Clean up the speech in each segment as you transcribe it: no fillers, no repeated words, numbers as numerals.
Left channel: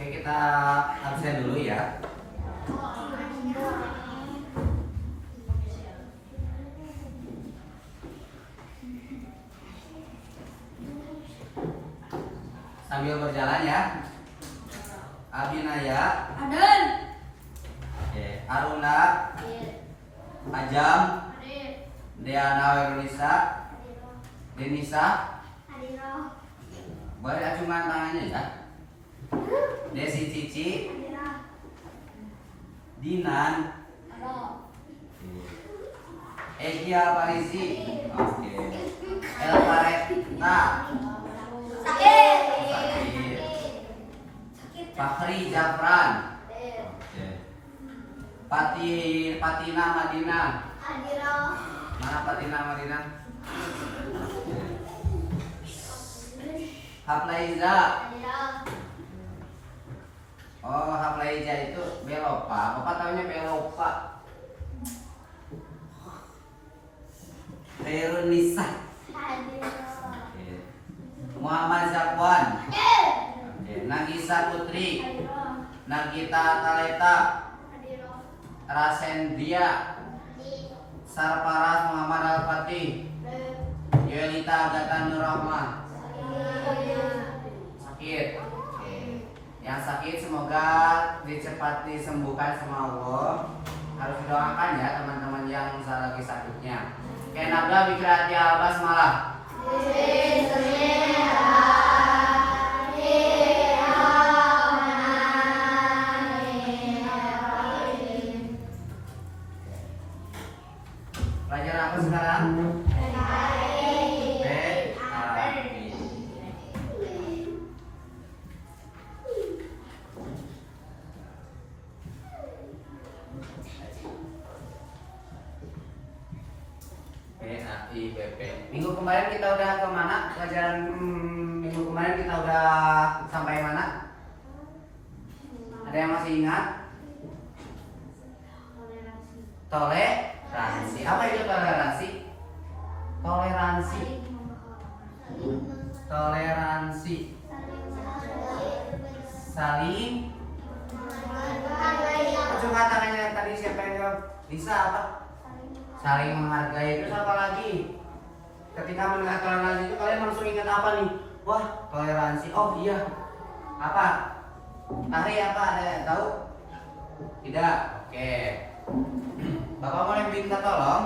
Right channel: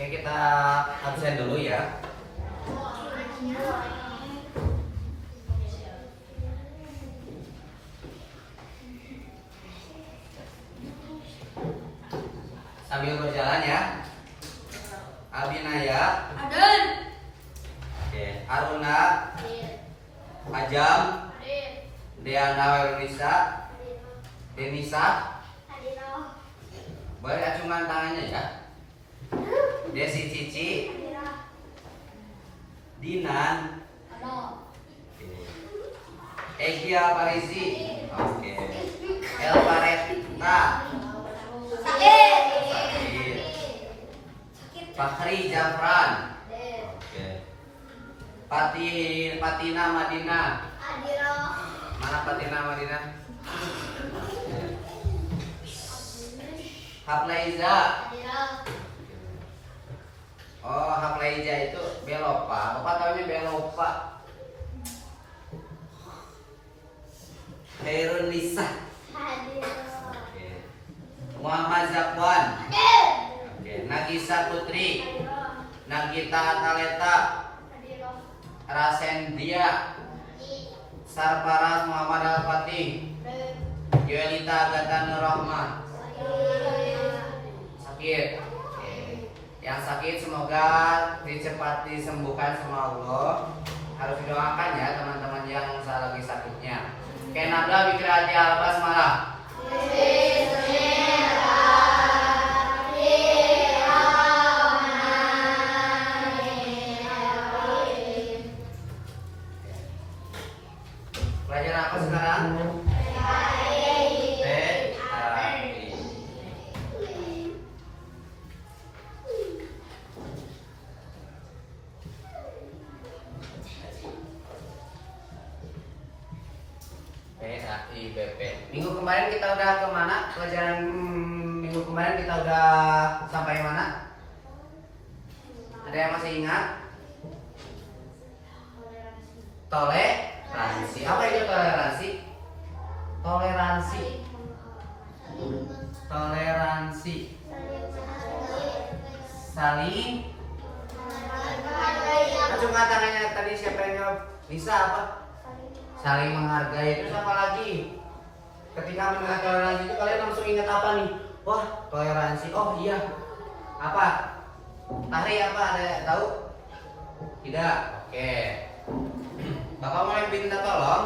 Oke, kita absen dulu ya. Sambil berjalan ya. Abinaya. Aden. Oke. Aruna. Ajam. Deana Wirunisa. Denisa. Boleh acungan tangannya ya. Desi Cici. Dinan. Egia Parisi. Oke. Elvareta. Sakit. Fahri Jafran. Oke. Patina Madina. Mana Patina Madina? Haplaiza. Oh, Haplaiza itu Belopa. Bapak tahunya Belopa. Khairun Nisa. Oke. Muhammad Zakwan. Oke. Nagisa Putri. Nagita Taleta. Rasendia. Sarparat Muhammad Al-Fatih. Yolita Agatha Nurrahma. Sakit. Oke. Yang sakit semoga dicepat disembuhkan sama Allah. Harus didoakan ya teman-teman yang lagi sakitnya. Oke, nabla bikirati al-basmalah. Pelajaran apa sekarang? PAIBP. Minggu kemarin kita udah ke mana? Pelajaran minggu kemarin kita udah sampai mana? Ada yang masih ingat? Toleransi. Apa itu toleransi? Toleransi. Toleransi. Saling. Acungkan tangannya tadi siapa yang jawab? Bisa apa? Saling menghargai. Terus apa lagi? Ketika mendengar toleransi itu kalian langsung ingat apa nih? Wah, toleransi. Oh iya. Apa? Tahri apa? Ada yang tahu? Tidak. Oke. Bapak mau minta tolong?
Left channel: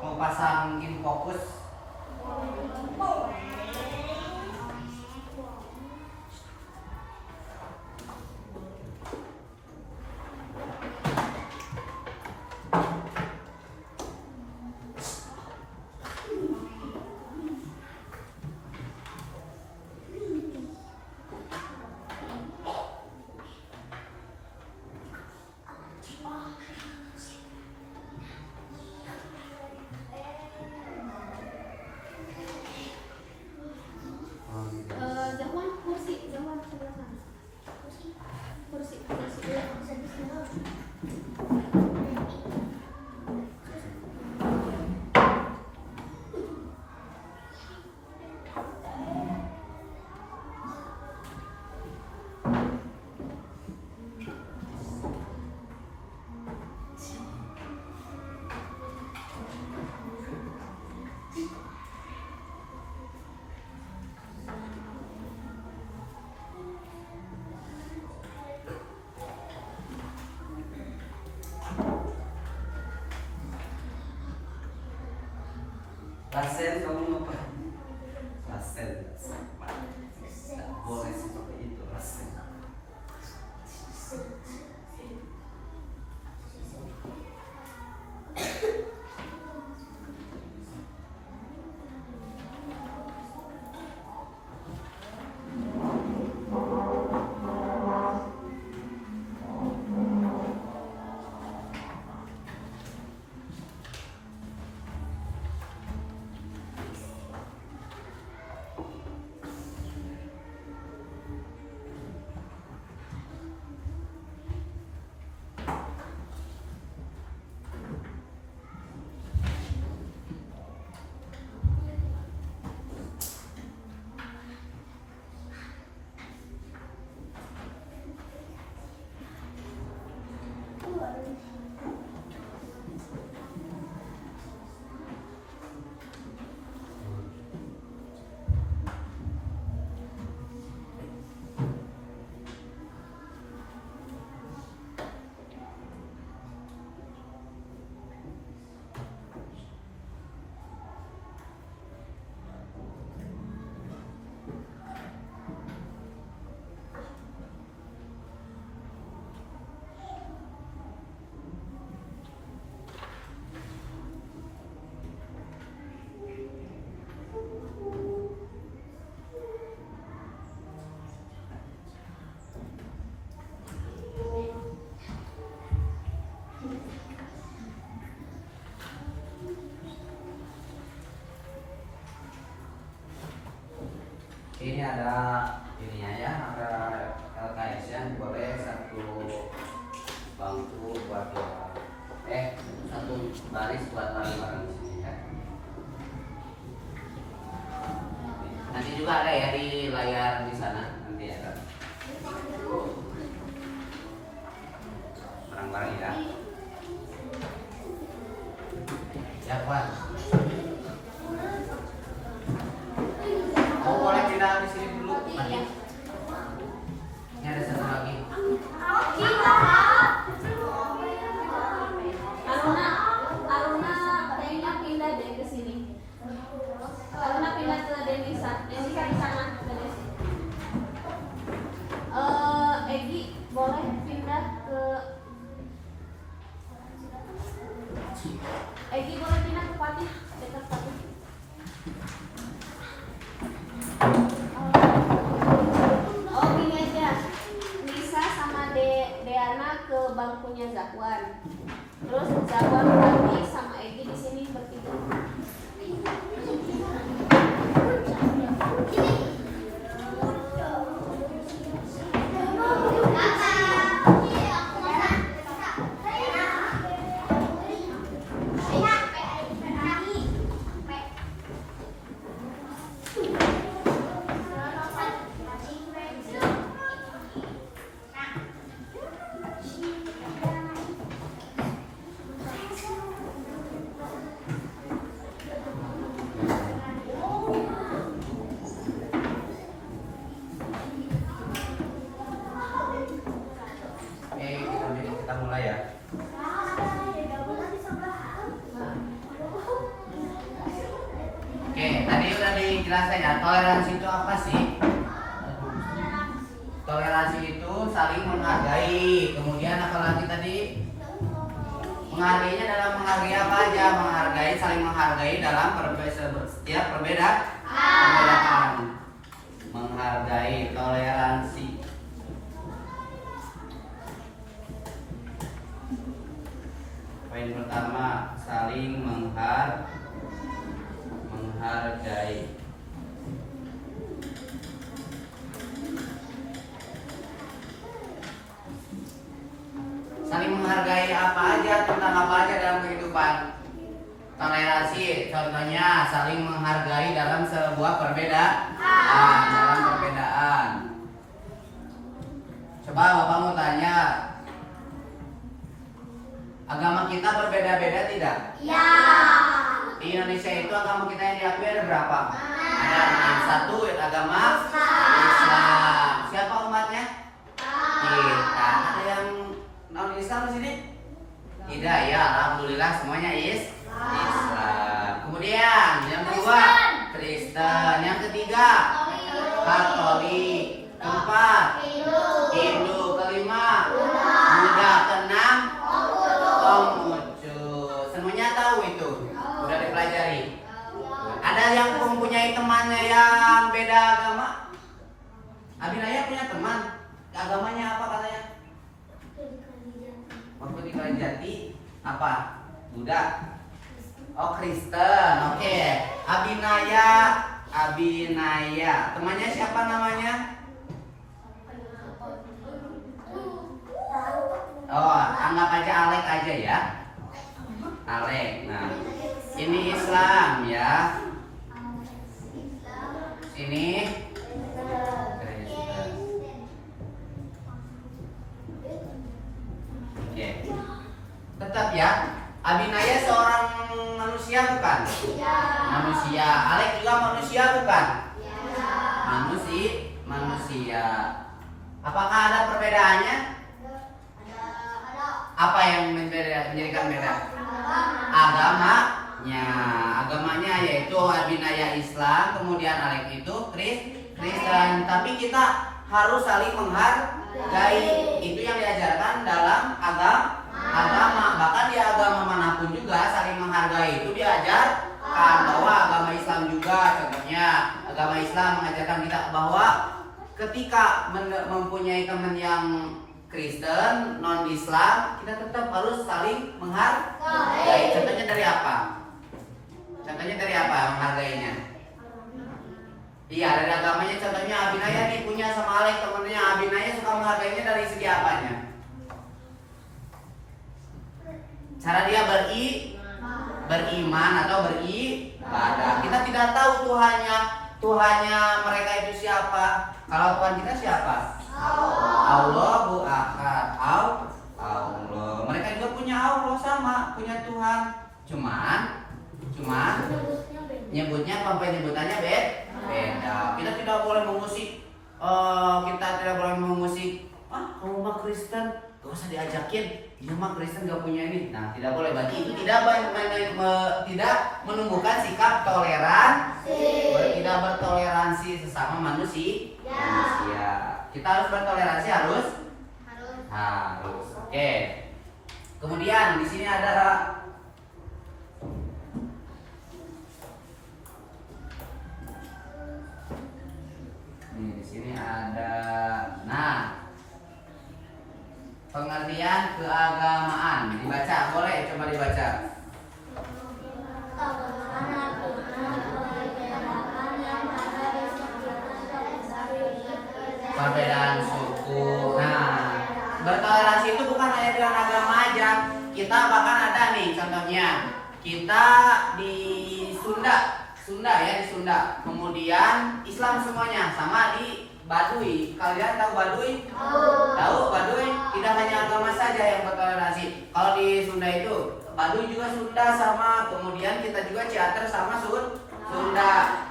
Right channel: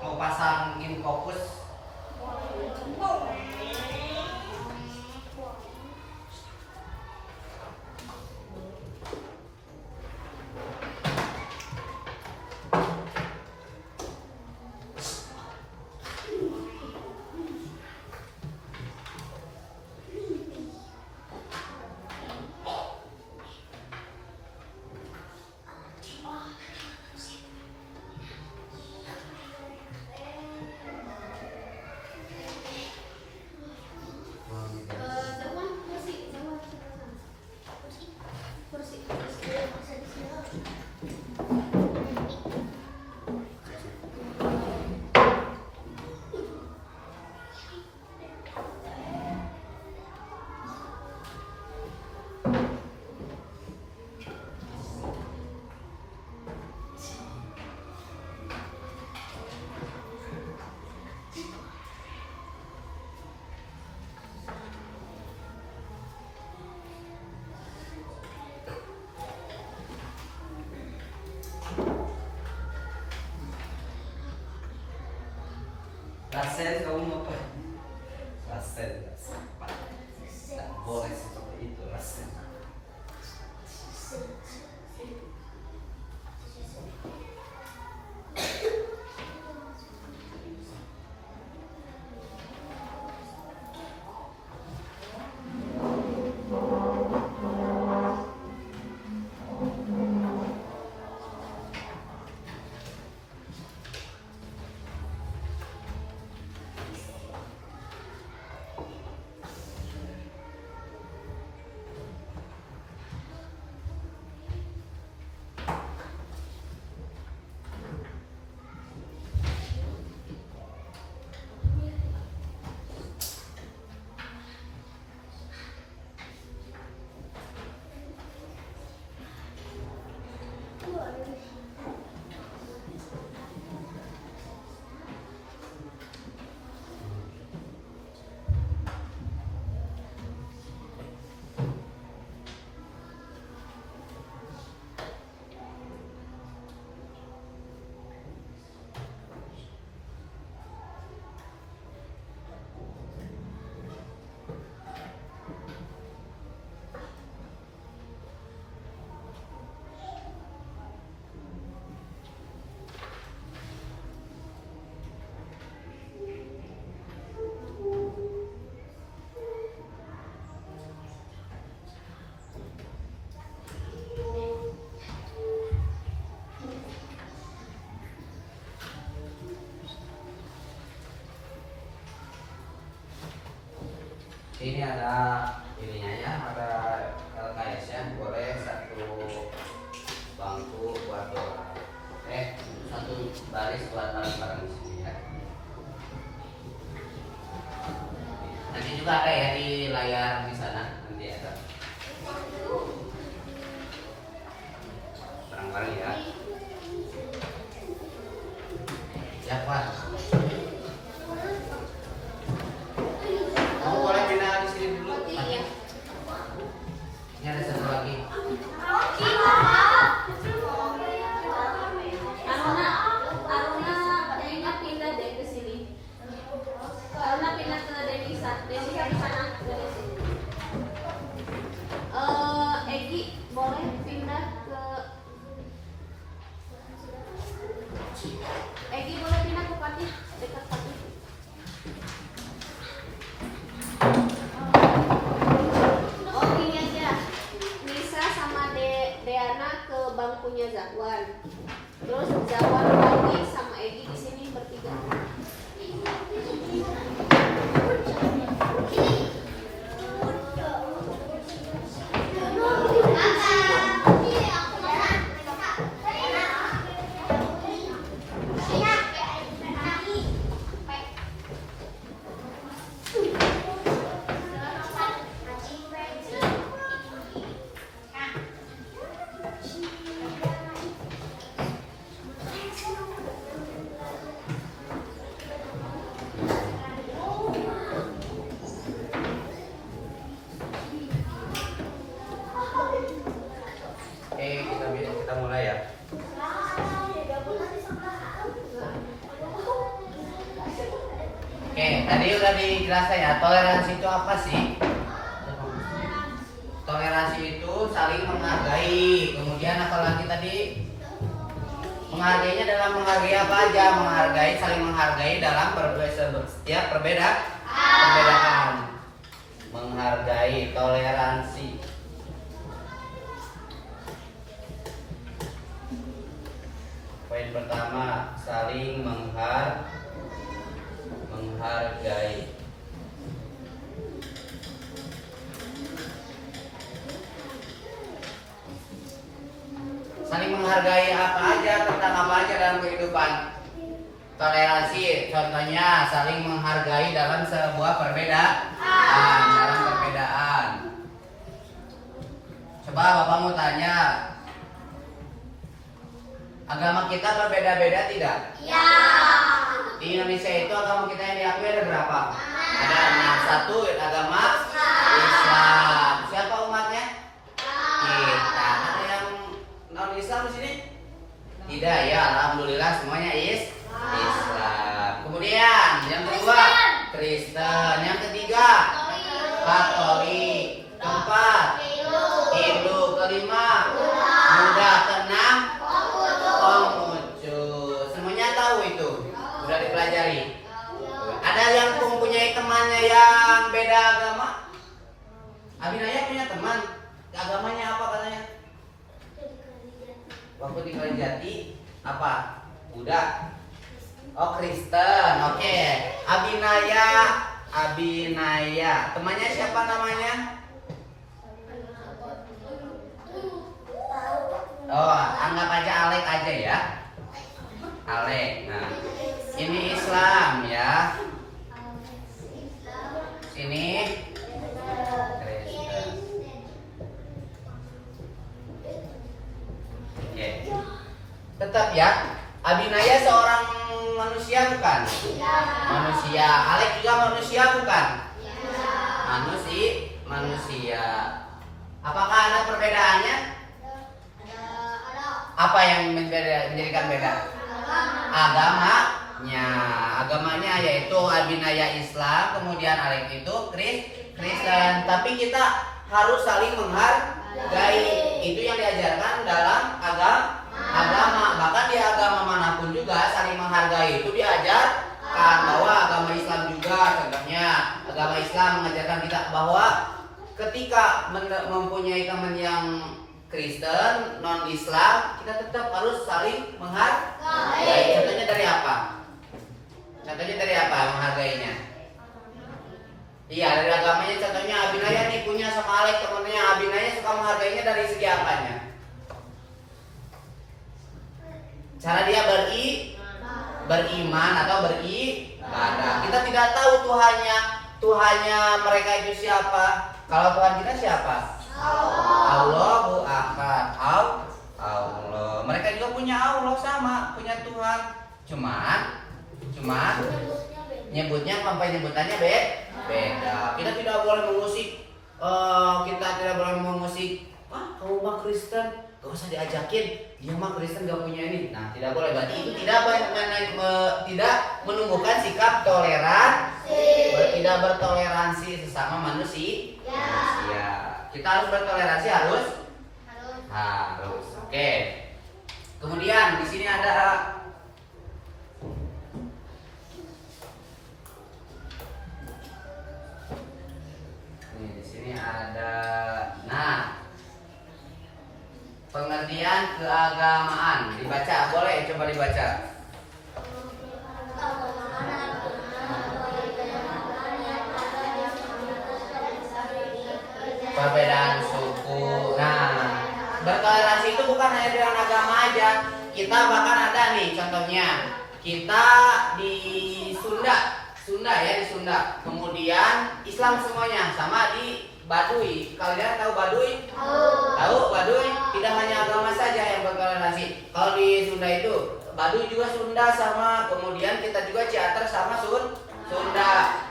Mau pasangin fokus. Rasen, kamu apa? Rasen. Tidak boleh seperti itu, Rasen. Sini ada ininya ya, ada LKS ya, boleh satu bangku buat orang. Satu baris buat barang-barang di sini ya. Nanti juga ada ya di layar di sana, nanti ada barang-barang ya. Ya Pak. Oh boleh pindah di sini dulu. Mati. Ini ada satu lagi. Aruna pindah deh ke sini. Aruna pindah ke Denisa di sana. Egi boleh pindah ke Pati, dekat Pati. Oh gini aja, Nisa sama Deana ke bangkunya Zakwan. Terus Zakwan lagi sama Egi di sini bertiga. Kita mulai ya. Oke, tadi udah dijelaskan ya, toleransi itu apa sih? Toleransi itu saling menghargai. Kemudian apalagi tadi? Menghargainya dalam menghargai apa aja? Menghargai, saling menghargai dalam setiap perbedaan. Menghargai, toleransi. Poin pertama, saling menghargai. Saling menghargai apa aja, tentang apa aja dalam kehidupan. Toleransi, contohnya saling menghargai dalam sebuah perbedaan. Coba Bapak mau tanya, agama kita berbeda-beda tidak? Ya. Di Indonesia itu agama kita yang diakui ada berapa? Ada 6. 1 agama Islam. Siapa umatnya? Kita. Ada yang non Islam di sini? Tidak ya, alhamdulillah semuanya Islam. Kemudian yang kedua Kristen, yang ketiga Katolik, keempat Hindu, kelima Buddha, keenam Konghucu. Semuanya tahu itu, udah dipelajari. Ada yang mempunyai temannya yang beda agama? Abinaya punya teman, agamanya apa katanya? Waktu di Kalijati apa? Buddha. Oh Kristen, oke. Abinaya. Temannya siapa namanya? Oh, anggap aja Alek aja ya. Alek. Nah, ini Islam ya. Sini Kristen. Oke. Tetap ya. Abinaya seorang manusia bukan? Manusia. Alek juga manusia bukan? Manusia. Apakah ada perbedaannya? Apa yang menjadikan beda? Agamanya yaitu Abinaya Islam, kemudian Alek itu Kristen. Tapi kita harus saling menghargai. Itu yang diajarkan dalam agama. Bahkan di agama manapun juga saling menghargai itu diajarkan. Bahwa agama Islam juga, contohnya agama Islam mengajarkan kita bahwa ketika mempunyai teman yang Kristen, non Islam, kita tetap harus saling menghargai. Contohnya dari apa? Contohnya dari apa menghargainya? Iya, dari agamanya contohnya beriman atau beribadah. Kita tidak tahu Tuhannya mereka itu siapa. Kalau Tuhan kita siapa? Allahu Ahad. Allah. Mereka juga punya Allah, sama, punya Tuhan. Cuman nyebutnya penyebutannya beda. Kita tidak boleh mengusik. Kita tidak boleh mengusik. Kamu mah Kristen, gak usah diajakin. Dia mah Kristen gak punya ini. Nah, tidak boleh. Berarti itu tidak menumbuhkan sikap tidak bertoleransi sesama manusia. Kita harus bertoleransi, harus. Oke. Kemudian di sini ada pengertian keagamaan. Dibaca, boleh coba dibaca. Perbedaan suku. Nah, bertoleransi itu bukan hanya dengan agama aja. Kita bahkan ada nih contohnya. Kita di Sunda ya, di Sunda. Kemudian Islam semuanya, sama di Baduy. Kalian tahu Baduy? Tahu Baduy? Tidak hanya agama saja yang bertoleransi. Kalau di Sunda itu Baduy juga Sunda sama, kemudian kita juga Ciater sama Sunda.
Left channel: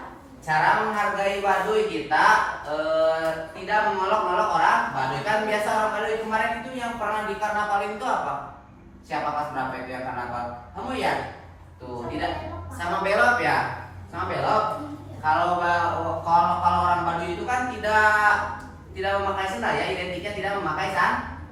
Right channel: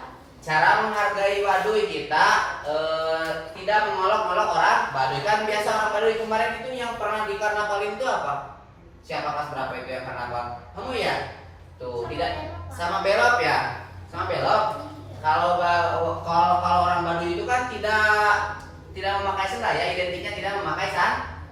Cara menghargai Baduy kita tidak mengolok-olok orang Baduy. Kan biasa orang Baduy kemarin itu yang pernah di karnavalin itu apa? Siapa kelas berapa itu yang karnaval? Kamu ya? Tuh, tidak sama belok ya? Sama belok. Kalau orang Baduy itu kan tidak memakai sandal ya, identiknya tidak memakai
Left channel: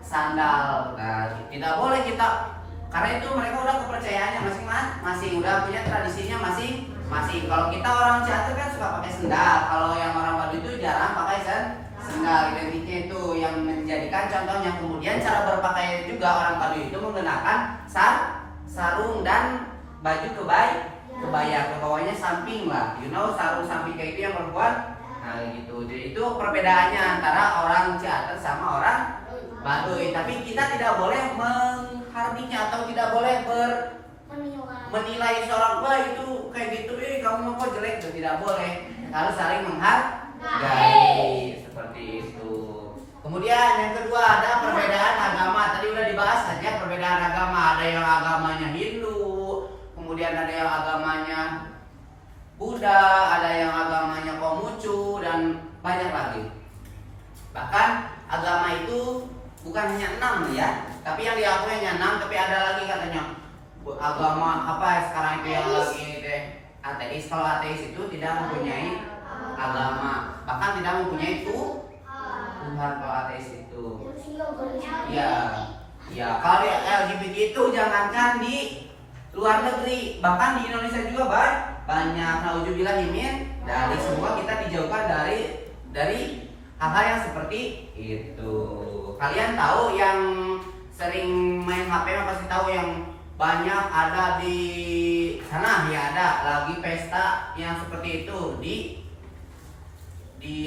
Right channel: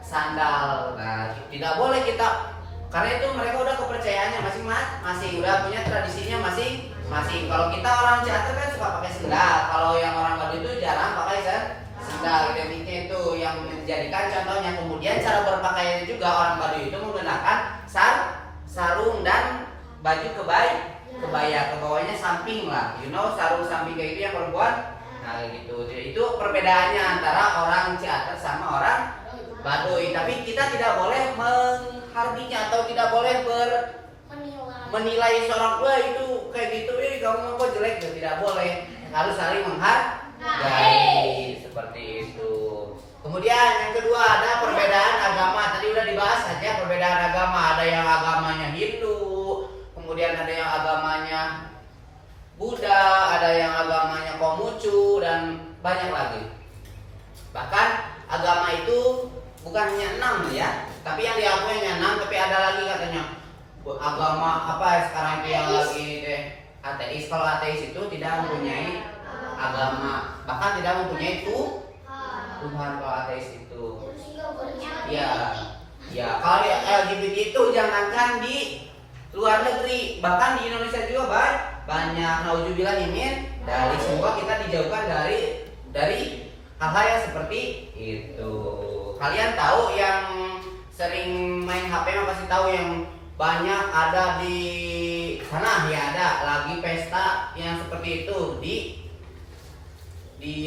sandal. Nah, tidak boleh kita, karena itu mereka udah kepercayaannya masing-masing, udah punya tradisinya masing-masing. Kalau kita orang Ciater kan suka pakai sandal, kalau yang orang Baduy itu jarang pakai sandal. Identiknya itu yang menjadikan contohnya. Kemudian cara berpakaian juga orang Baduy itu menggunakan sarung dan baju kebaya ke bawahnya samping lah, sarung samping kayak itu yang perempuan. Nah gitu. Jadi itu perbedaannya antara orang Ciater sama orang Baduy. Tapi kita tidak boleh menghardinya atau tidak boleh menilai seorang, wah itu kayak gitu, kamu kok jelek, itu tidak boleh. Harus saling menghargai seperti itu. Kemudian yang kedua ada perbedaan agama. Tadi udah dibahas aja perbedaan agama. Ada yang agamanya Hindu, kemudian ada yang agamanya Buddha, ada yang agamanya Konghucu, dan banyak lagi. Bahkan agama itu bukan hanya 6 ya, tapi yang diakui hanya 6, tapi ada lagi katanya agama apa ya sekarang itu yang lagi ateis. Kalau ateis itu tidak mempunyai agama, bahkan tidak mempunyai Tuhan. Kalau ateis itu ya kalau LGBT itu jangankan di luar negeri, bahkan di Indonesia juga banyak. Nauzubillah min dari semua, kita dijauhkan dari hal-hal yang seperti itu. Kalian tahu yang sering main HP pasti tahu yang banyak ada di sana ya, ada lagi pesta yang seperti itu di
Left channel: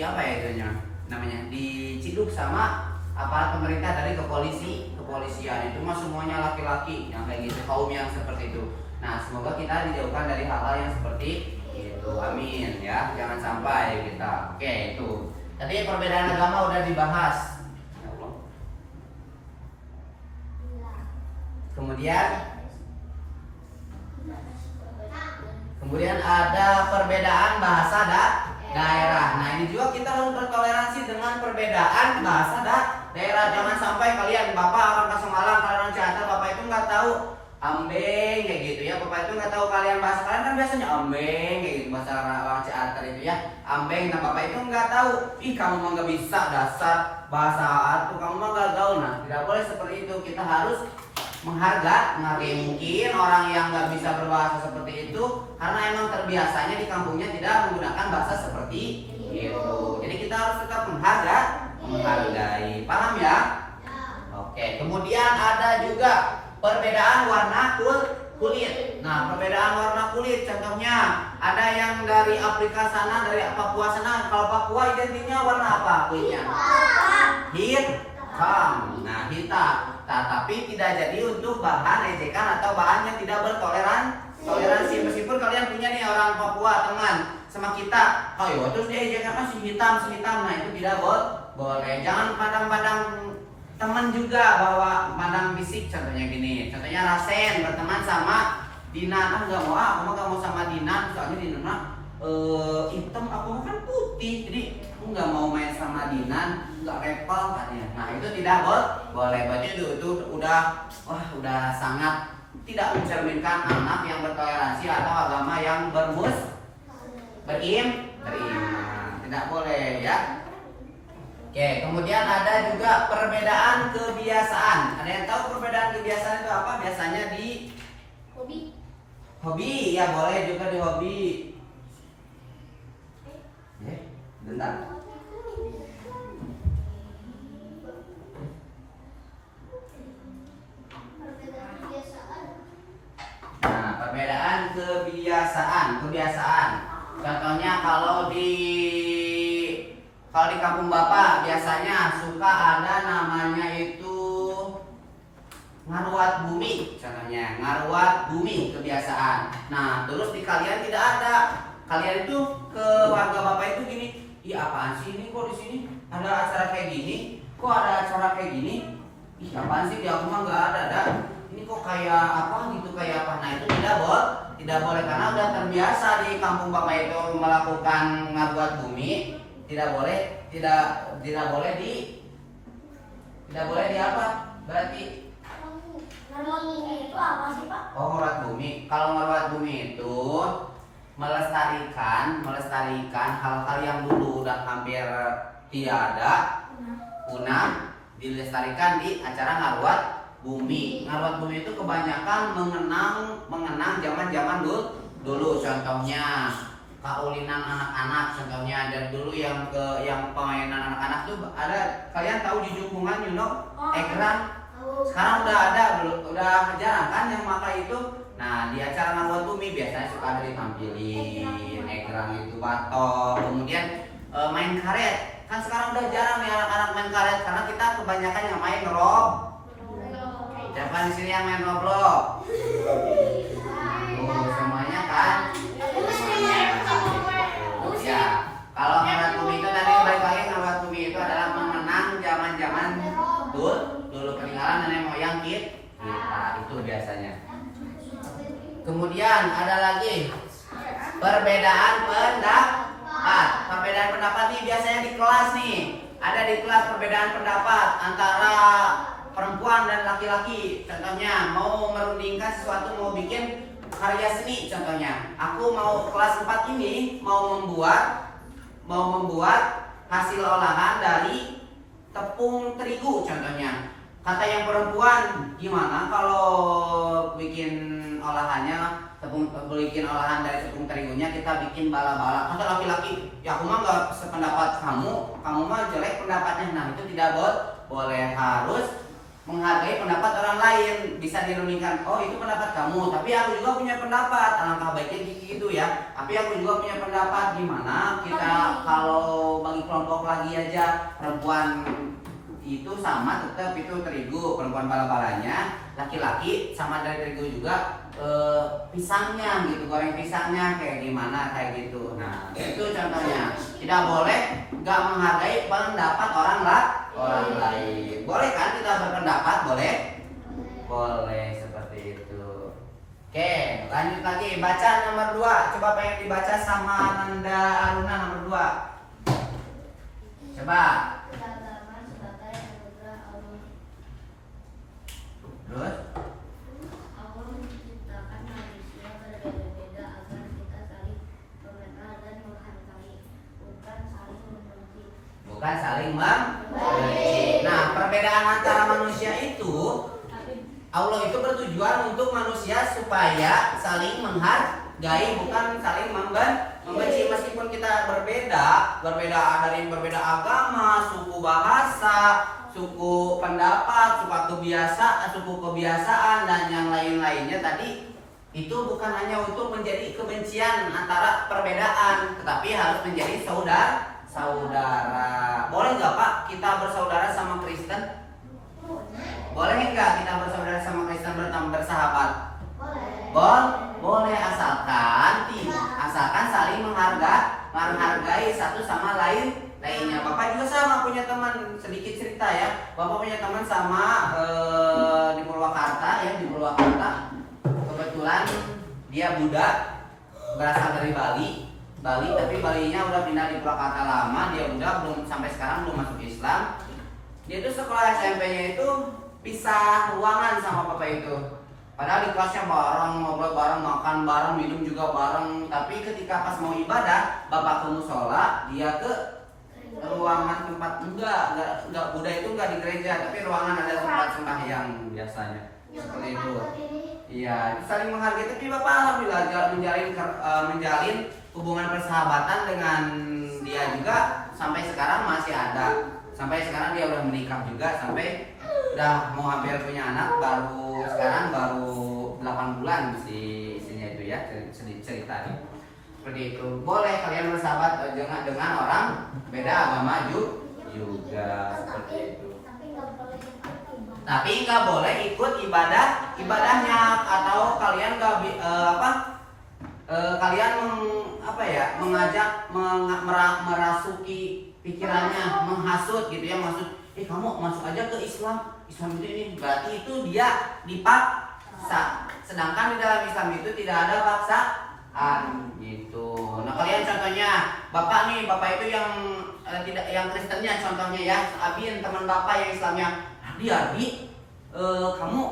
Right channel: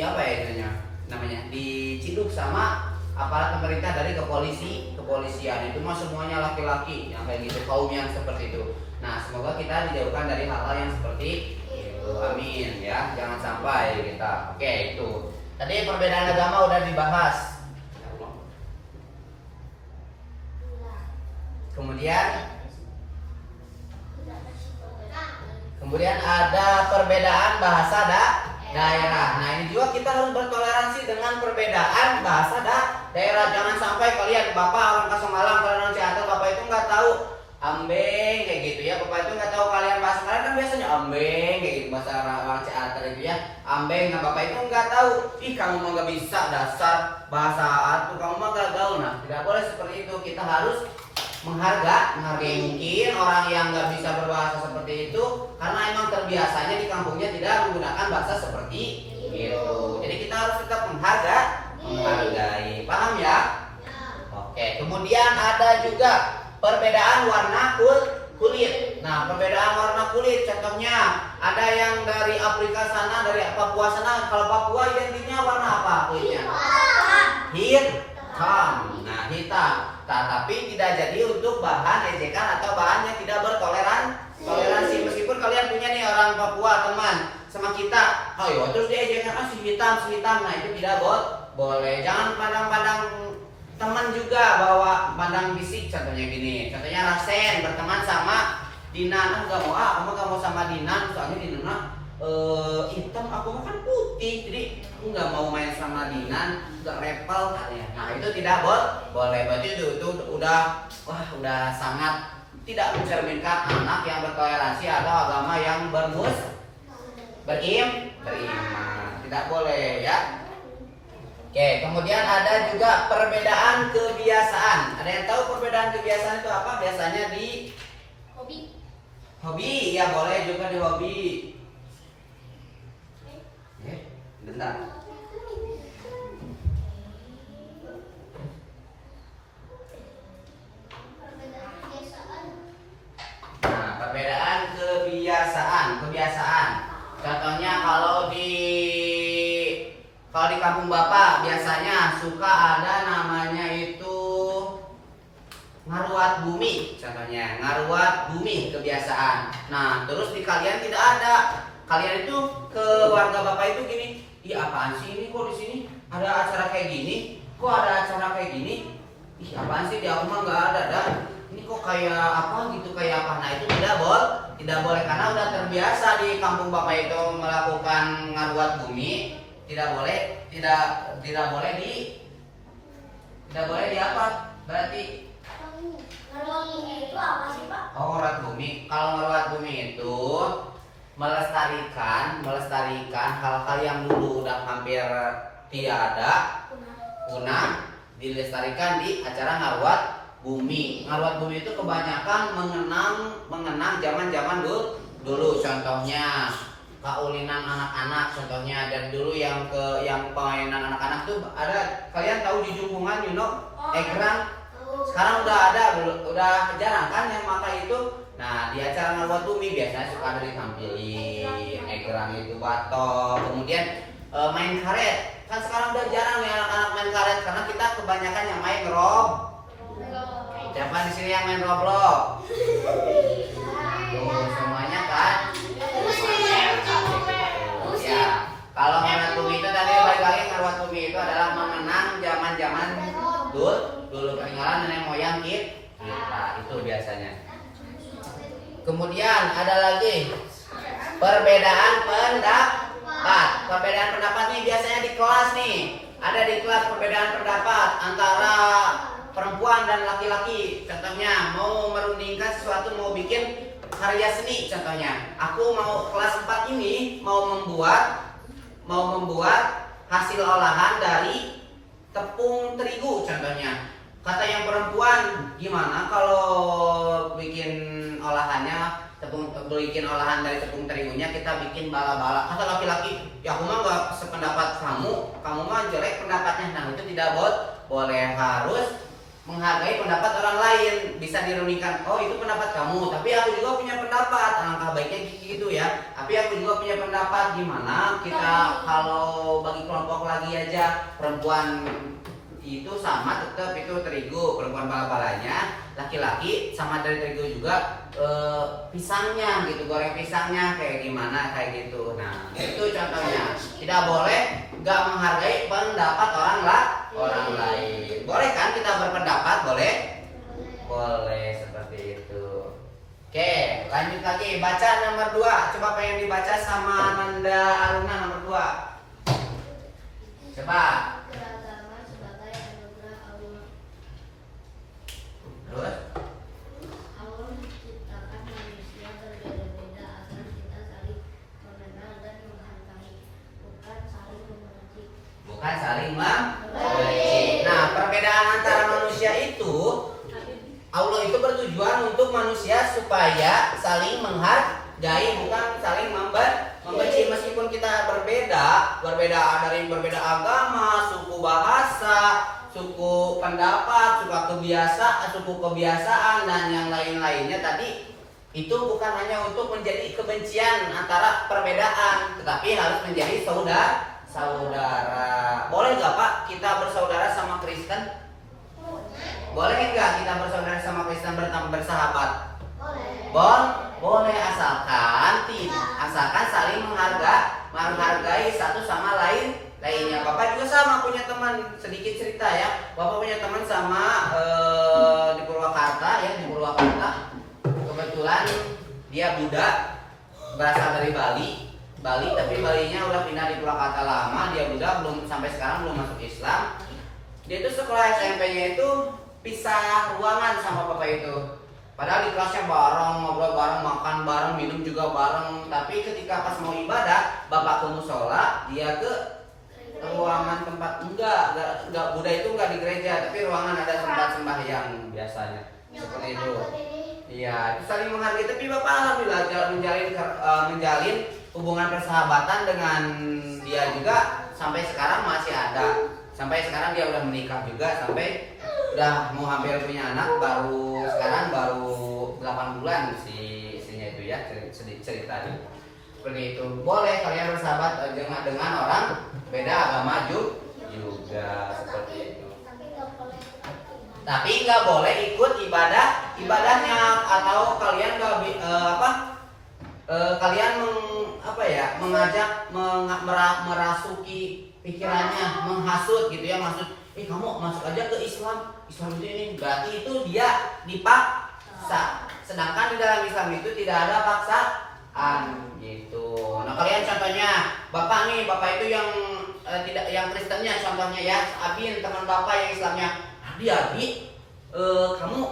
apa ya itunya namanya, diciduk sama aparat pemerintah dari kepolisian. Itu mah semuanya laki-laki yang kayak gitu, kaum yang seperti itu. Nah, semoga kita dijauhkan dari hal-hal yang seperti itu. Amin ya, jangan sampai kita. Oke, itu. Tadi perbedaan agama udah dibahas. Kemudian ada perbedaan bahasa daerah. Nah, ini juga kita harus bertoleransi dengan perbedaan bahasa daerah. Jangan sampai kalian, Bapak orang Kasemalang, kalian orang Ciater, Bapak itu nggak tahu ambeng kayak gitu ya. Bapak itu nggak tahu kalian bahasa kalian kan biasanya ambeng kayak gitu, bahasa orang Ciater itu ya ambeng. Nah, Bapak itu nggak tahu, kamu mah nggak bisa, dasar bahasa atuh kamu mah nggak gaul. Nah, tidak boleh seperti itu. Kita harus menghargai mungkin orang yang nggak bisa berbahasa seperti itu karena emang terbiasanya di kampungnya tidak menggunakan bahasa seperti itu. Jadi kita harus tetap menghargai. Paham ya? Oke. Kemudian ada juga perbedaan warna kulit. Nah, perbedaan warna kulit contohnya ada yang dari Afrika sana, dari Papua sana. Kalau Papua identiknya warna apa kulitnya? Hitam. Nah, hitam. Nah, tapi tidak jadi untuk bahan ejekan atau bahan yang tidak bertoleransi. kebanyakan si hitam, nah itu tidak boleh. Jangan pandang-pandang teman juga, bahwa pandang fisik. Contohnya gini, contohnya Rasen berteman sama Dinan, nggak mau, kamu nggak mau sama Dinan, soalnya Dinan hitam, aku kan putih, jadi aku nggak mau main sama Dinan, nggak level katanya. Nah itu tidak boleh. Berarti itu udah sangat tidak mencerminkan anak yang bertoleransi atau agama yang beriman, tidak boleh ya. Oke, kemudian ada juga perbedaan kebiasaan. Ada yang tahu perbedaan kebiasaan itu apa? Biasanya di hobi, ya boleh juga di hobi. Bentar. Nah, perbedaan kebiasaan. Contohnya kalau di kampung Bapak biasanya suka ada namanya itu ngaruat bumi, contohnya ngaruat bumi kebiasaan. Nah, terus di kalian tidak ada. Kalian itu ke warga Bapak itu gini, ih apaan sih ini, kok di sini ada acara kayak gini? Kok ada acara kayak gini? Ih apaan sih, di aku mah nggak ada dah. Ini kok kayak apa gitu, kayak apa? Nah itu tidak boleh karena udah terbiasa di kampung Bapak itu melakukan ngaruat bumi. Tidak boleh di apa? Berarti Ngaruat bumi itu apa sih, Pak? oh, ngaruat bumi. Kalau ngaruat bumi itu melestarikan hal-hal yang dulu udah hampir tidak ada, punah, dilestarikan di acara ngaruat bumi. Ngaruat bumi itu kebanyakan mengenang zaman-zaman dulu. Contohnya kaulinan anak-anak, contohnya dari dulu yang permainan anak-anak tuh ada. Kalian tahu di Jumpungan, egrang? Sekarang udah ada, udah jarang kan yang pakai itu. Nah di acara ngaruat bumi biasanya suka ada ditampilin egrang itu, batok, kemudian main karet. Kan sekarang udah jarang ya anak-anak main karet karena kita kebanyakan yang main siapa di sini yang main Roblox? Semuanya kan? Ya, kalau ngaruat bumi itu tadi balik lagi, ngaruat bumi itu adalah mengenang zaman-zaman dulu peninggalan nenek moyang kita itu biasanya. Kemudian ada lagi perbedaan pendapat. Perbedaan pendapat nih biasanya di kelas nih. Ada di kelas perbedaan pendapat antara perempuan dan laki-laki. Contohnya mau merundingkan sesuatu, mau bikin karya seni contohnya. Aku mau kelas 4 ini mau membuat hasil olahan dari tepung terigu contohnya. Kata yang perempuan, gimana kalau bikin olahan dari tepung terigunya kita bikin bala-bala. Kata laki-laki, ya aku mah nggak sependapat kamu mah jelek pendapatnya. Nah itu tidak boleh, harus menghargai pendapat orang lain. Bisa dirundingkan, oh itu pendapat kamu, tapi aku juga punya pendapat. Alangkah baiknya gitu ya. Tapi aku juga punya pendapat, gimana kita kalau bagi kelompok lagi aja, perempuan itu sama tetap itu terigu, perempuan bala-balanya, laki-laki sama dari terigu juga pisangnya gitu, goreng pisangnya kayak gimana kayak gitu. Nah itu contohnya. Tidak boleh nggak menghargai pendapat orang lain. Boleh kan kita berpendapat? Boleh seperti itu. Oke, lanjut lagi, baca nomor 2. Coba pengen dibaca sama Nanda Aruna nomor 2. Coba. Terus? Allah menciptakan manusia berbeda-beda agar kita saling mengenal dan menghargai, bukan saling membenci. Nah, perbedaan antara manusia itu, Allah itu bertujuan untuk manusia supaya saling menghargai, bukan saling membenci. Meskipun kita berbeda dari berbeda agama, suku bahasa, suku pendapat, suku kebiasaan dan yang lain-lainnya tadi, itu bukan hanya untuk menjadi kebencian antara perbedaan, tetapi harus menjadi saudara. Boleh nggak Pak kita bersaudara sama Kristen? Boleh nggak kita bersaudara sama Kristen, bersahabat? Boleh. Boleh, asalkan saling menghargai satu sama lainnya. Bapak juga sama punya teman, sedikit cerita ya. Bapak punya teman sama di Purwakarta ya, di Purwakarta. Kebetulan dia Buddha, berasal dari Bali, tapi Balinya udah pindah di Purwakarta lama. Dia Buddha, belum sampai sekarang belum masuk Islam. Dia itu sekolah SMP-nya itu pisah ruangan sama bapak itu. Padahal di kelasnya bareng, ngobrol bareng, makan bareng, minum juga bareng. Tapi ketika pas mau ibadah, bapak ke musola, dia ke ruangan tempat enggak Buddha itu enggak di gereja, tapi ruangan ada tempat sembahyang biasanya. Seperti itu. Iya, itu saling menghargai. Tapi bapak alhamdulillah menjalin hubungan persahabatan dengan dia juga sampai sekarang masih ada. Sampai sekarang dia udah menikah juga, sampai udah mau hampir punya anak, sekarang baru 8 bulan istrinya itu ya, ceritanya. Seperti itu. Boleh kalian bersahabat dengan orang beda agama juga seperti itu. Tapi nggak boleh ikut ibadahnya, atau kalian kalian mengajak merasuki pikirannya, menghasut gitu ya, maksud kamu masuk aja ke Islam itu ini, berarti itu dia dipaksa. Sedangkan di dalam Islam itu tidak ada paksaan gitu. Nah kalian contohnya, bapak itu yang yang Kristennya contohnya ya, Abin teman bapak yang Islamnya, Adi, kamu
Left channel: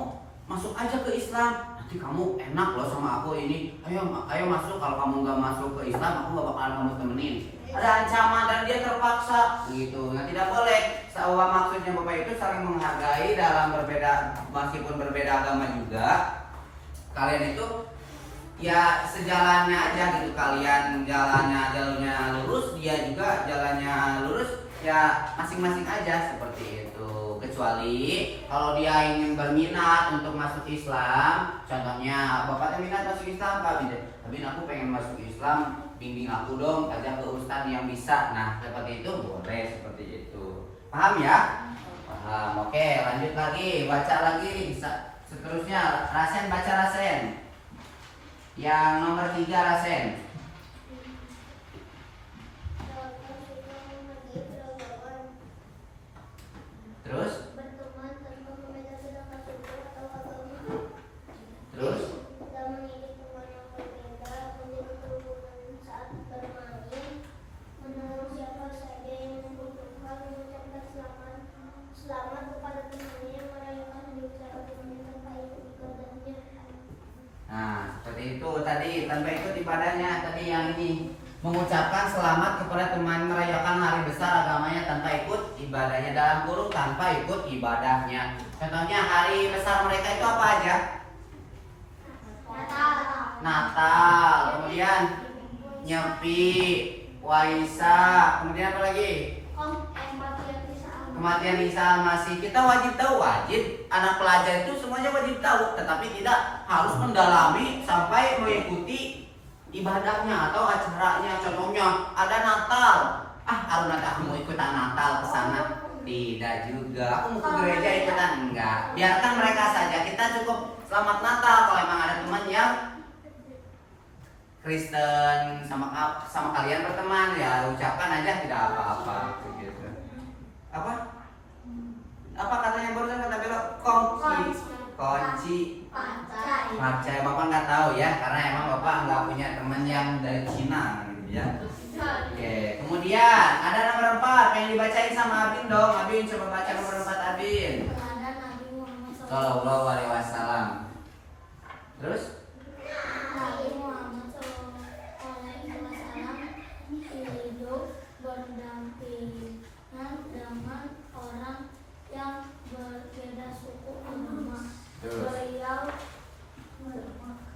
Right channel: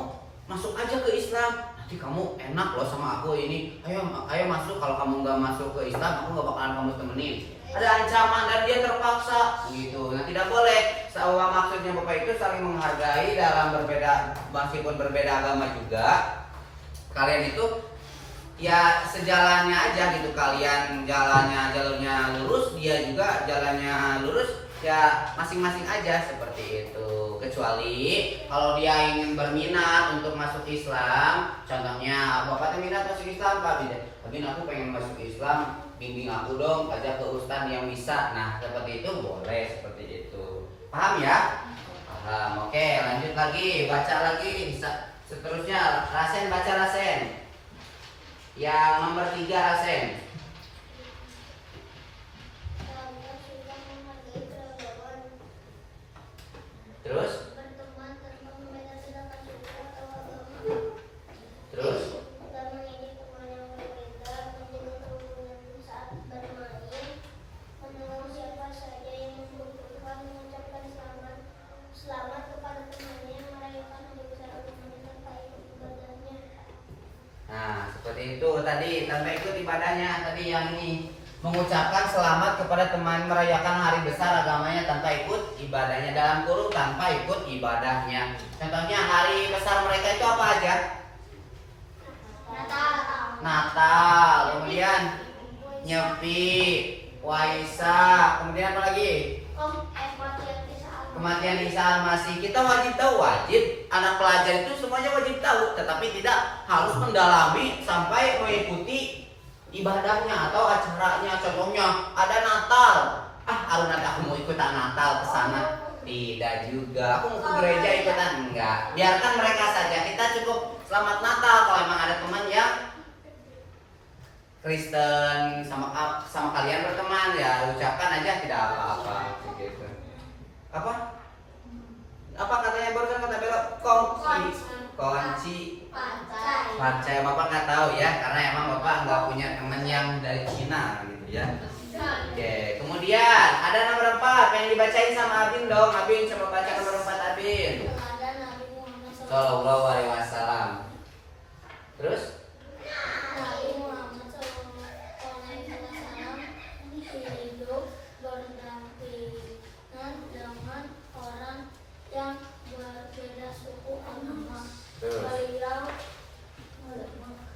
masuk aja ke Islam, nanti kamu enak loh sama aku ini, ayo masuk, kalau kamu nggak masuk ke Islam aku nggak bakalan kamu temenin. Ada ancaman dan dia terpaksa gitu. Nah tidak boleh. Maksudnya bapak itu saling menghargai dalam meskipun berbeda agama juga. Kalian itu ya sejalannya aja gitu. Kalian jalurnya lurus, dia juga jalannya lurus, ya masing-masing aja seperti itu. Kecuali kalau dia ingin berminat untuk masuk Islam, contohnya bapak minat masuk Islam, Pak Bin aku pengen masuk Islam, bimbing aku dong, ajak ke ustadz yang bisa. Nah seperti itu boleh, seperti itu. Paham ya? Paham. Oke, lanjut lagi, baca lagi. Seterusnya Rasen, baca Rasen. Yang nomor 3 Rasen. Terus? Terus? Nah, seperti itu tadi, tanpa ikut ibadahnya. Tadi yang ini mengucapkan selamat kepada teman merayakan hari besar agamanya tanpa ikut ibadahnya, dalam kurung tanpa ikut ibadahnya. Contohnya hari besar mereka itu apa aja? Natal, kemudian Nyepi, Waisak, kemudian apa lagi? Kematian Isa Al-Masih. Kita wajib tahu, anak pelajar itu semuanya wajib tahu, tetapi tidak harus mendalami sampai mengikuti ibadahnya atau acaranya. Contohnya ada Natal, nanti aku mau ikutan Natal ke sana. Tidak juga, aku mau ke gereja ikutan, enggak. Biarkan mereka saja, kita cukup selamat Natal. Kalau emang ada teman yang Kristen sama kalian berteman, ya ucapkan aja, tidak apa-apa gitu. Apa katanya barusan kata Bella? Kunci Pacai. Bapak nggak tahu ya, karena emang bapak nggak punya teman yang dari Cina gitu ya. Oke, kemudian ada nomor 4 yang dibacain sama Abin dong. Abin coba baca nomor 4 Abin. Sallallahu alaihi wasallam. Terus? Nabi Muhammad SAW hidup berdampingan dengan orang yang berbeda suku agama. Beliau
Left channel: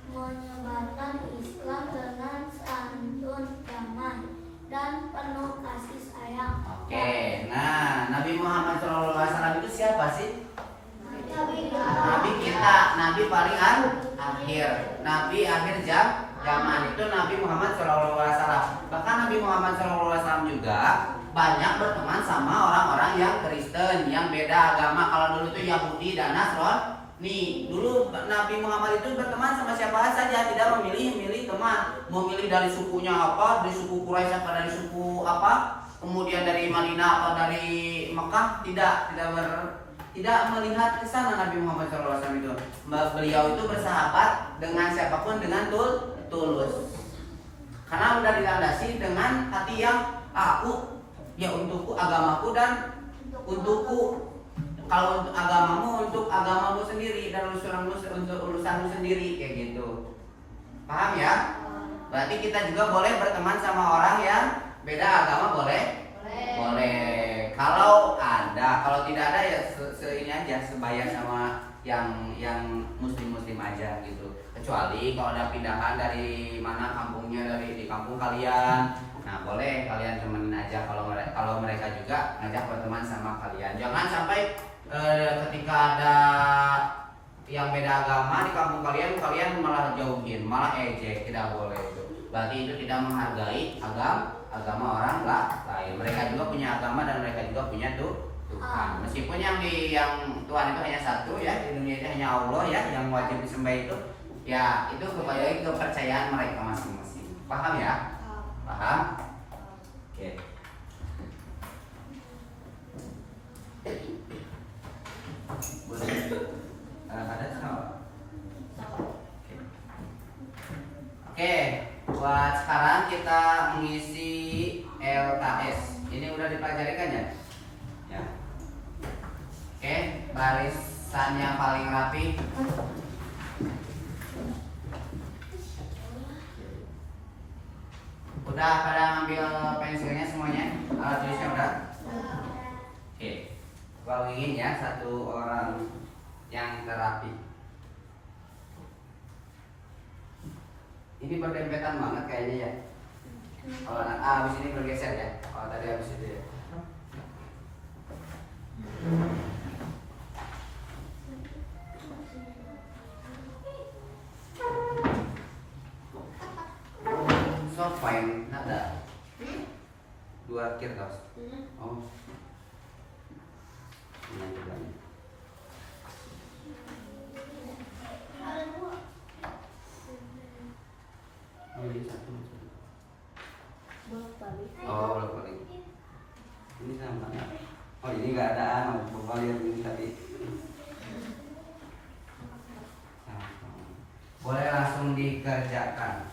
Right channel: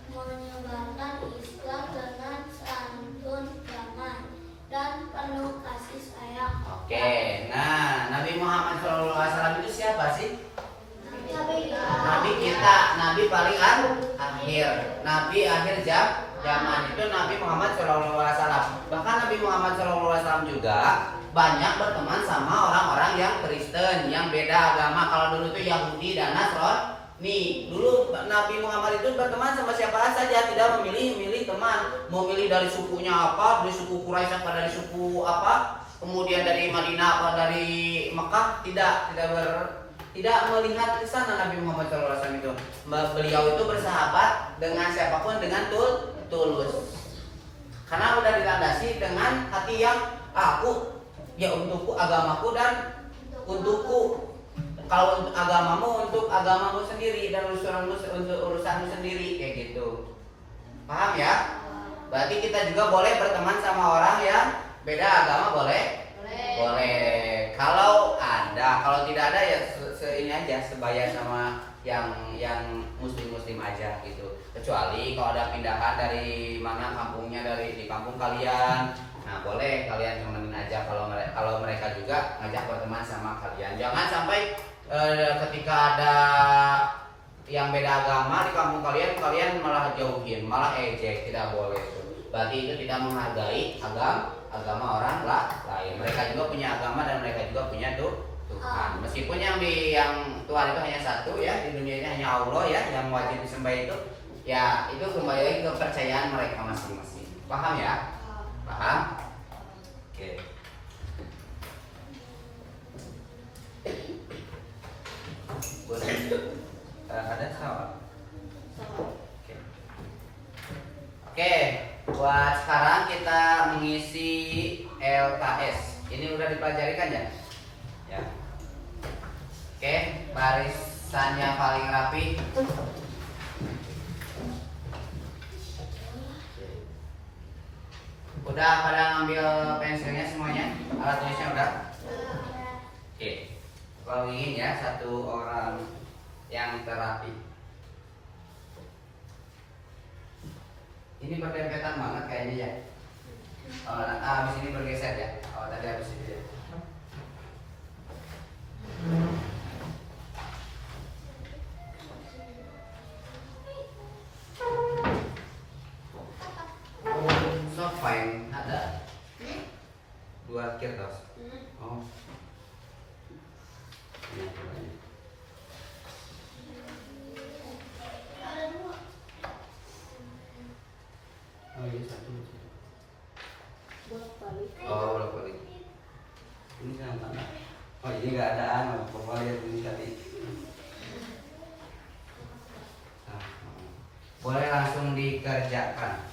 menyebarkan Islam dengan santun, damai, dan penuh kasih sayang. Oke, nah Nabi Muhammad SAW itu siapa sih? Nabi kita, Nabi paling akhir, Nabi akhir zaman itu Nabi Muhammad SAW. Bahkan Nabi Muhammad SAW juga banyak berteman sama orang-orang yang Kristen, yang beda agama. Kalau dulu itu Yahudi dan Nih, dulu Nabi Muhammad itu berteman sama siapa saja, tidak memilih teman. Mau milih dari sukunya apa, dari suku Quraisy apa, dari suku apa, kemudian dari Madinah apa, dari Mekah, tidak melihat ke sana Nabi Muhammad SAW itu. Beliau itu bersahabat dengan siapapun dengan tulus. Karena udah dilandasi dengan hati yang aku, ya untukku, agamaku dan untukku. Kalau untuk agamamu, untuk agamamu sendiri, dan untuk urusanmu sendiri, kayak gitu. Paham ya? Berarti kita juga boleh berteman sama orang yang beda agama, boleh? Boleh. Kalau tidak ada ya ini aja, sebaya sama yang muslim aja gitu. Kecuali kalau ada pindahan dari mana kampungnya, di kampung kalian. Nah, boleh kalian temenin aja kalau mereka juga ngajak berteman sama kalian. Jangan sampai ketika ada yang beda agama di kampung kalian malah jauhin, malah ejek, tidak boleh itu. Berarti itu tidak menghargai agama orang lain. Mereka juga punya agama dan mereka juga punya Tuhan. Meskipun yang Tuhan itu hanya satu ya, di dunia ini hanya Allah ya, yang wajib disembah itu. Ya, itu kembali lagi ke kepercayaan mereka masing-masing. Paham ya? Paham? Oke. Ada sama. Oke, buat sekarang kita mengisi LKS. Ini udah dipelajari kan ya? Ya. Oke, barisannya paling rapi. Udah pada ngambil pensilnya semuanya? Alat tulisnya udah? Oke. Balikin ya satu orang yang terapi. Ini berdempetan banget kayaknya ya. Habis ini bergeser ya. Oh, tadi habis itu ya. So fine, ada. Dua kertas. Oh. Ini aja banyak. Oh ini satu. Oh bolak balik. Ini sama. Oh ini nggak ada anu. Coba lihat ini tadi. Boleh langsung dikerjakan.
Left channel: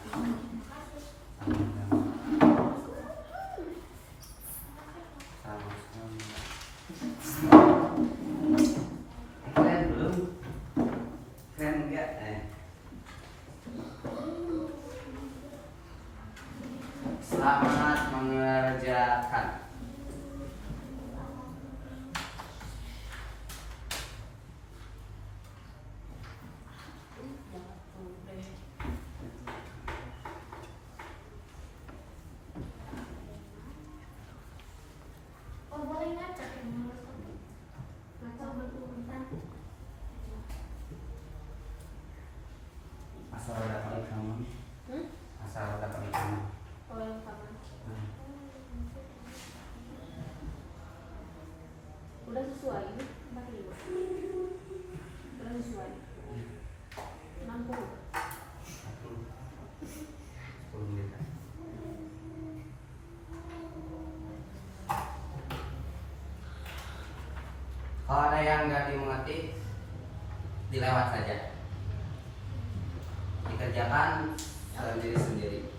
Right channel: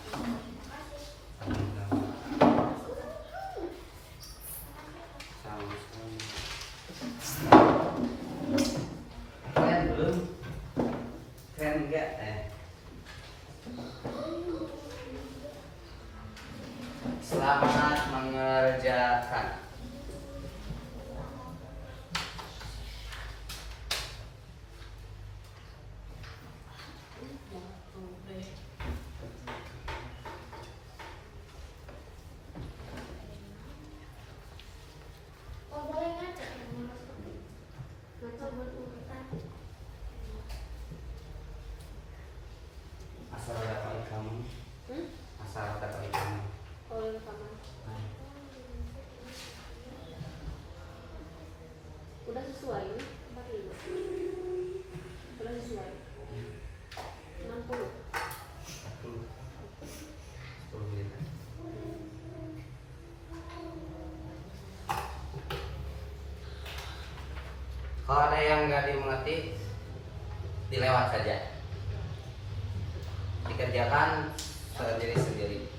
Kalian belum? Keren enggak? Selamat mengerjakan. Asal dapat kamu. Asal dapat kamu. Udah sesuai ini? Udah sesuai. 60. 10 menit. Kalau ada yang nggak dimengerti, dilewat saja. Dikerjakan sendiri-sendiri.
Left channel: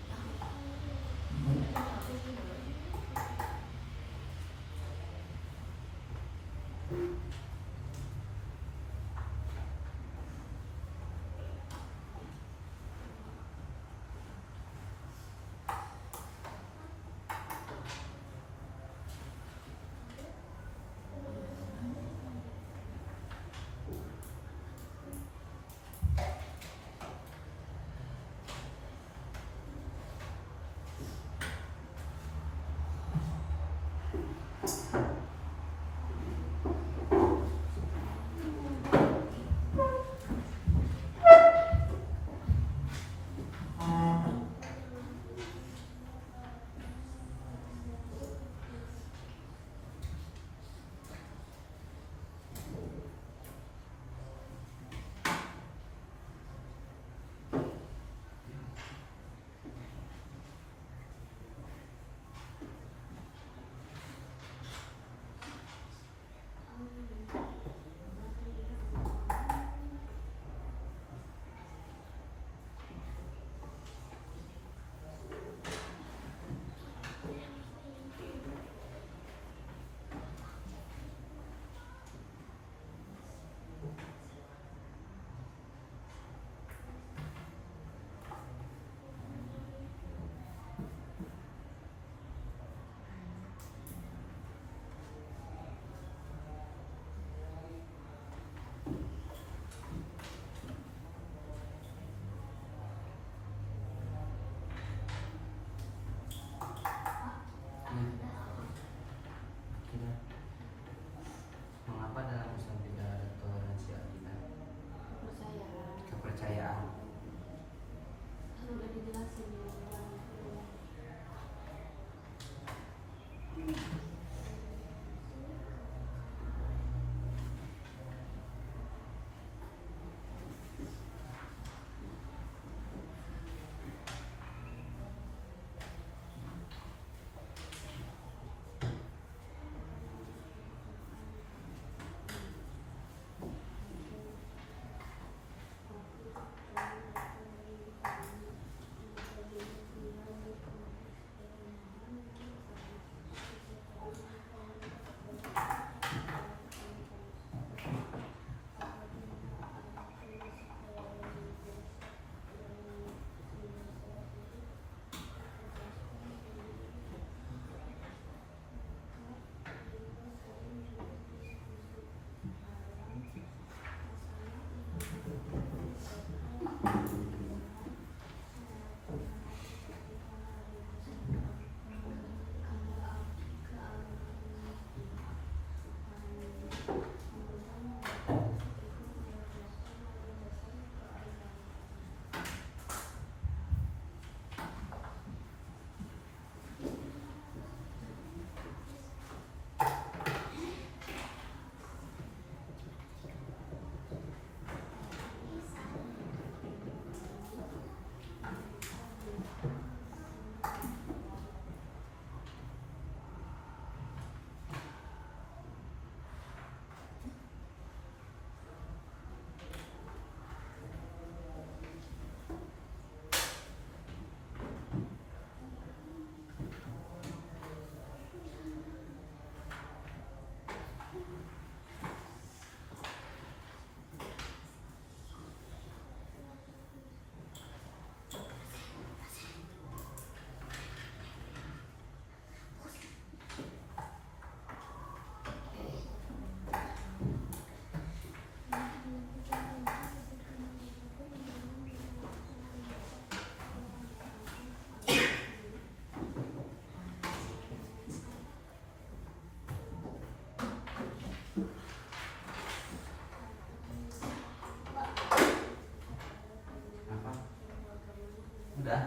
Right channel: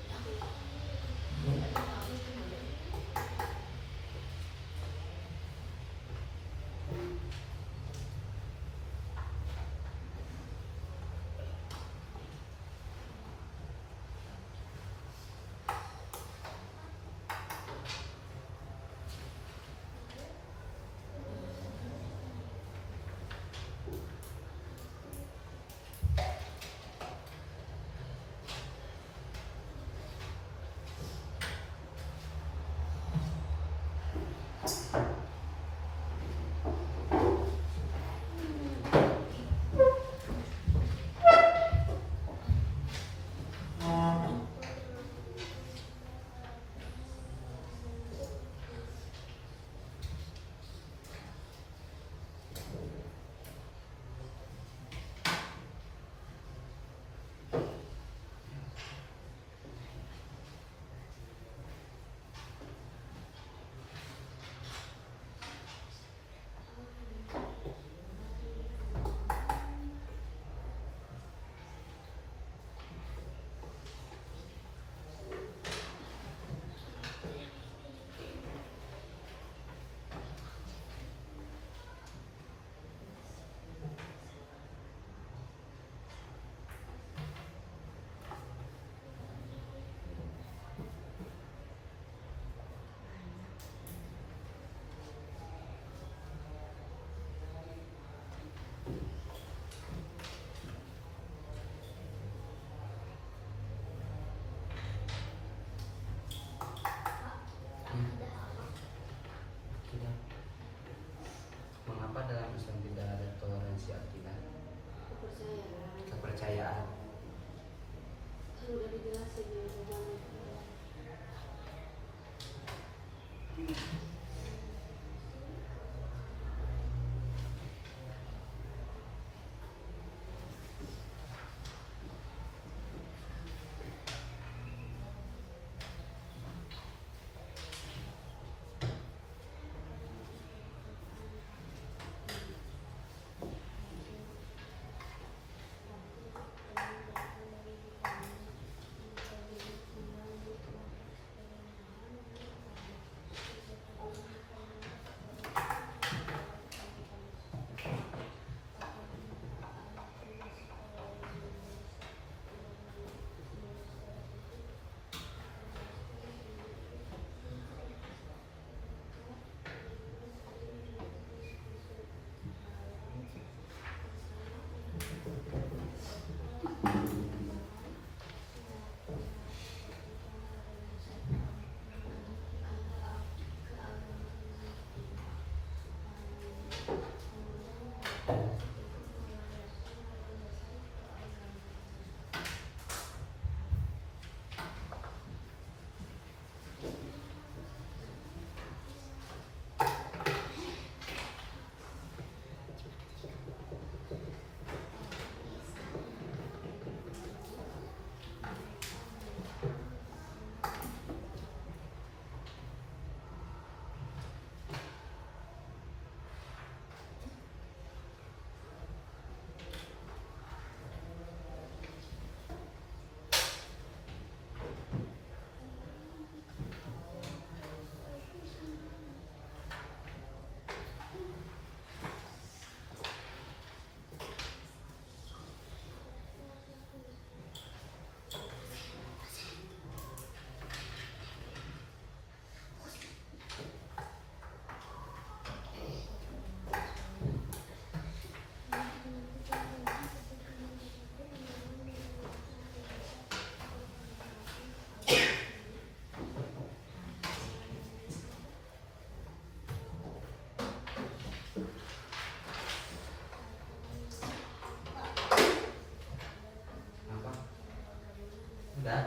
Udah.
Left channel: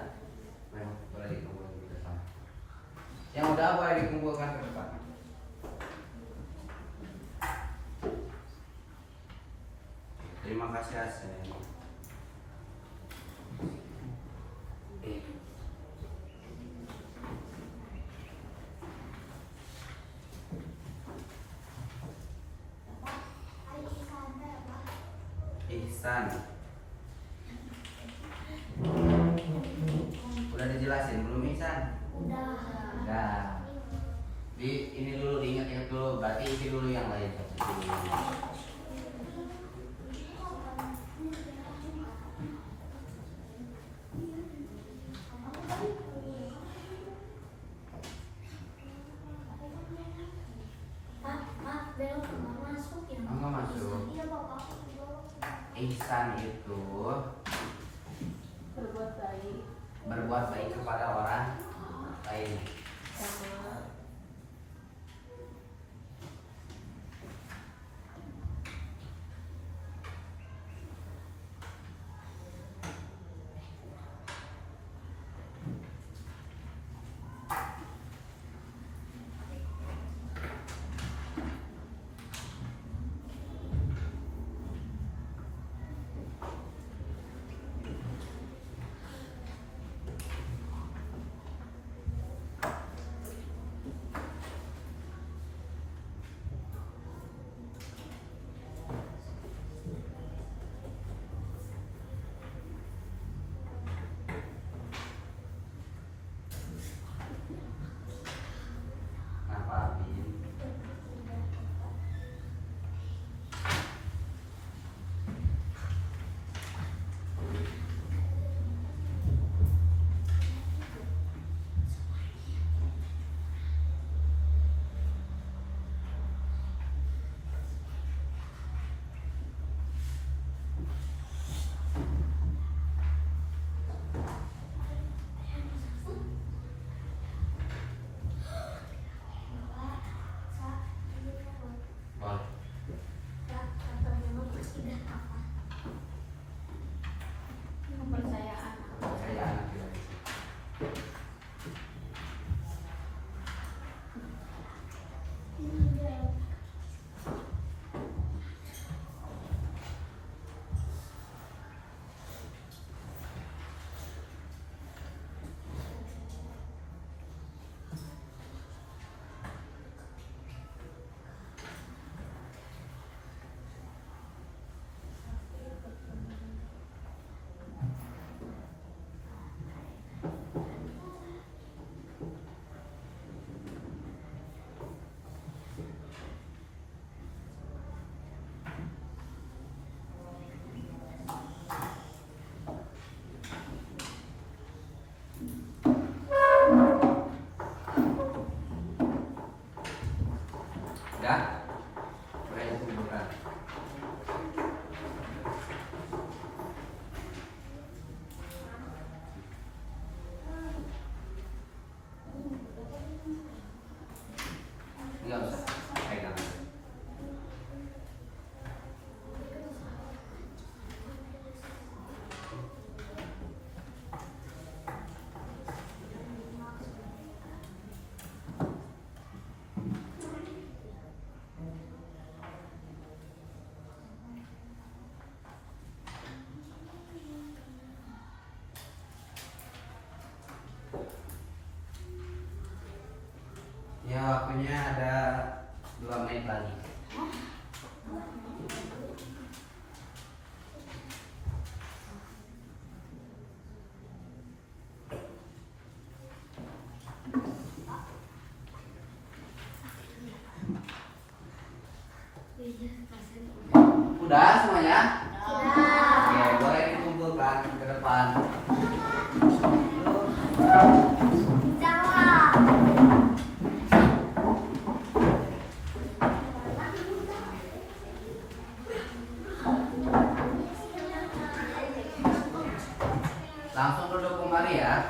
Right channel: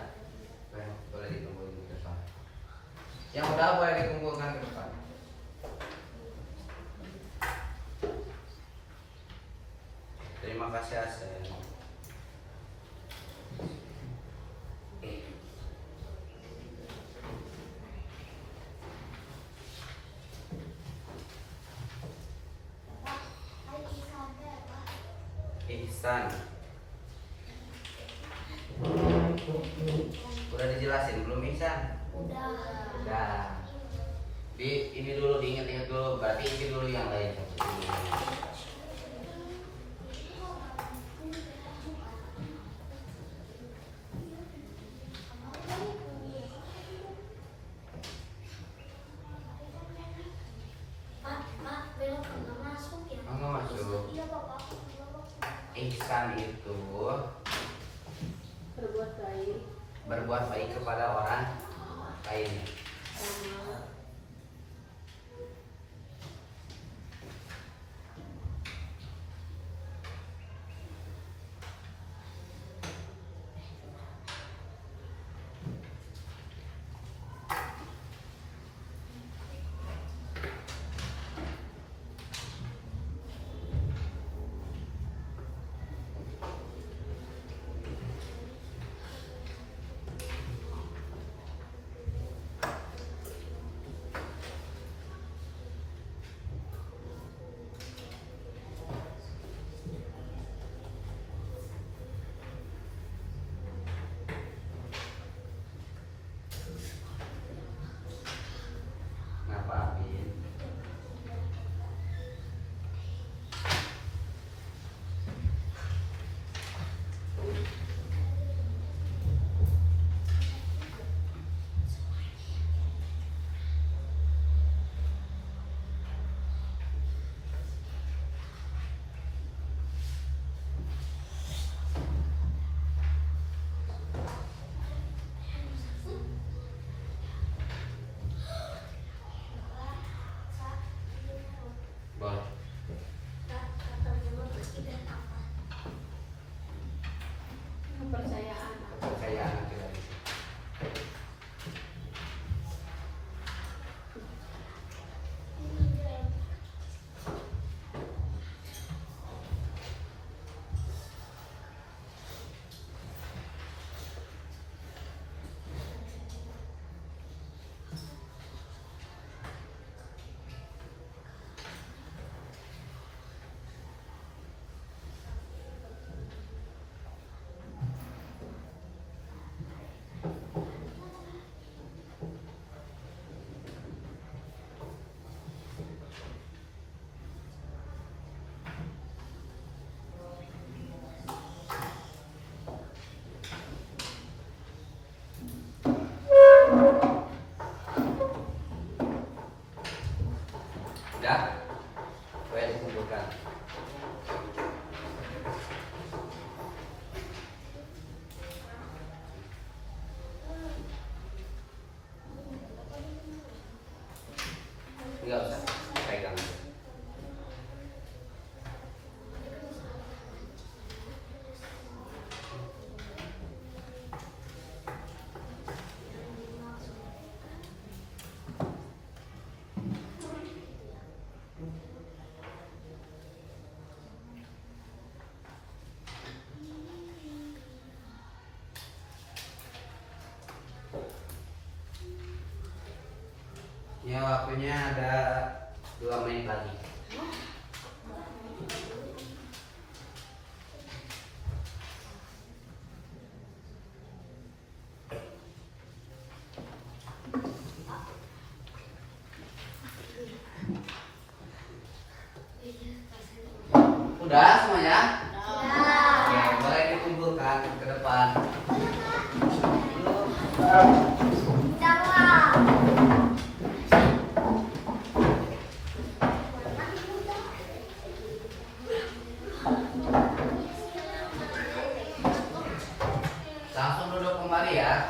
Boleh dikumpulkan ke depan. Yang udah boleh dikumpulkan ke depan. Terima kasih hasilnya. Ihsan. Udah dijelasin belum Ihsan? Udah. Udah. Ini dulu diingat-ingat dulu. Berarti isi dulu yang lain. Isi dulu yang lain. Pak, belum nggak masuk ya? Nggak masuk. Iya, Bapak. Ihsan itu berbuat baik kepada orang lain. sama Kenapa Abin? Boleh. Kata belum tidak apa. kepercayaan. Kepercayaan kita. Ini dia. Udah? Boleh dikumpulkan. Enggak usah pegang. Ya waktunya ada 2 menit lagi. Udah semuanya? Oke, boleh dikumpulkan ke depan. Langsung duduk kembali ya.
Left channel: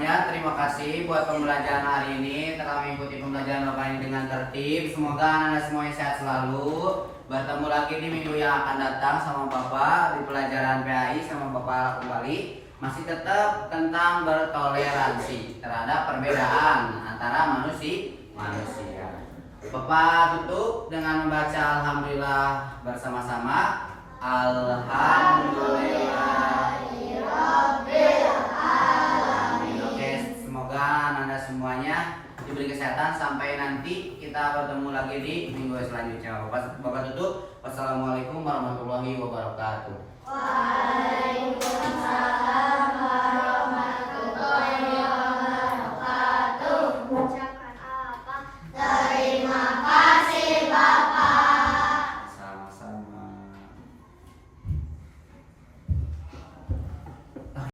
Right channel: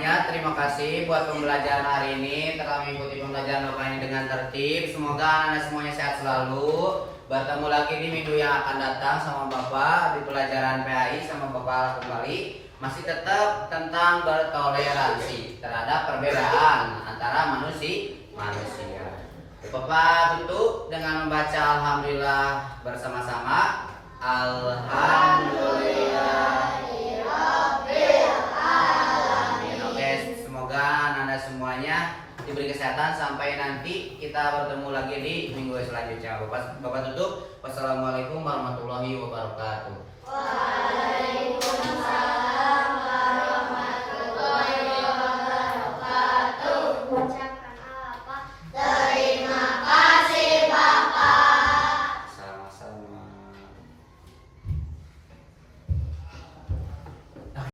semuanya, terima kasih buat pembelajaran hari ini. Telah mengikuti pembelajaran Bapak ini dengan tertib. Semoga Anda semuanya sehat selalu. Bertemu lagi di minggu yang akan datang sama Bapak di pelajaran PAI sama Bapak kembali. Masih tetap tentang bertoleransi terhadap perbedaan antara manusia. Bapak tutup dengan membaca Alhamdulillah bersama-sama. Alhamdulillahirobbilalamin. Oke, semoga Anda semuanya diberi kesehatan sampai nanti kita bertemu lagi di minggu selanjutnya. Bapak tutup. Wassalamualaikum warahmatullahi wabarakatuh.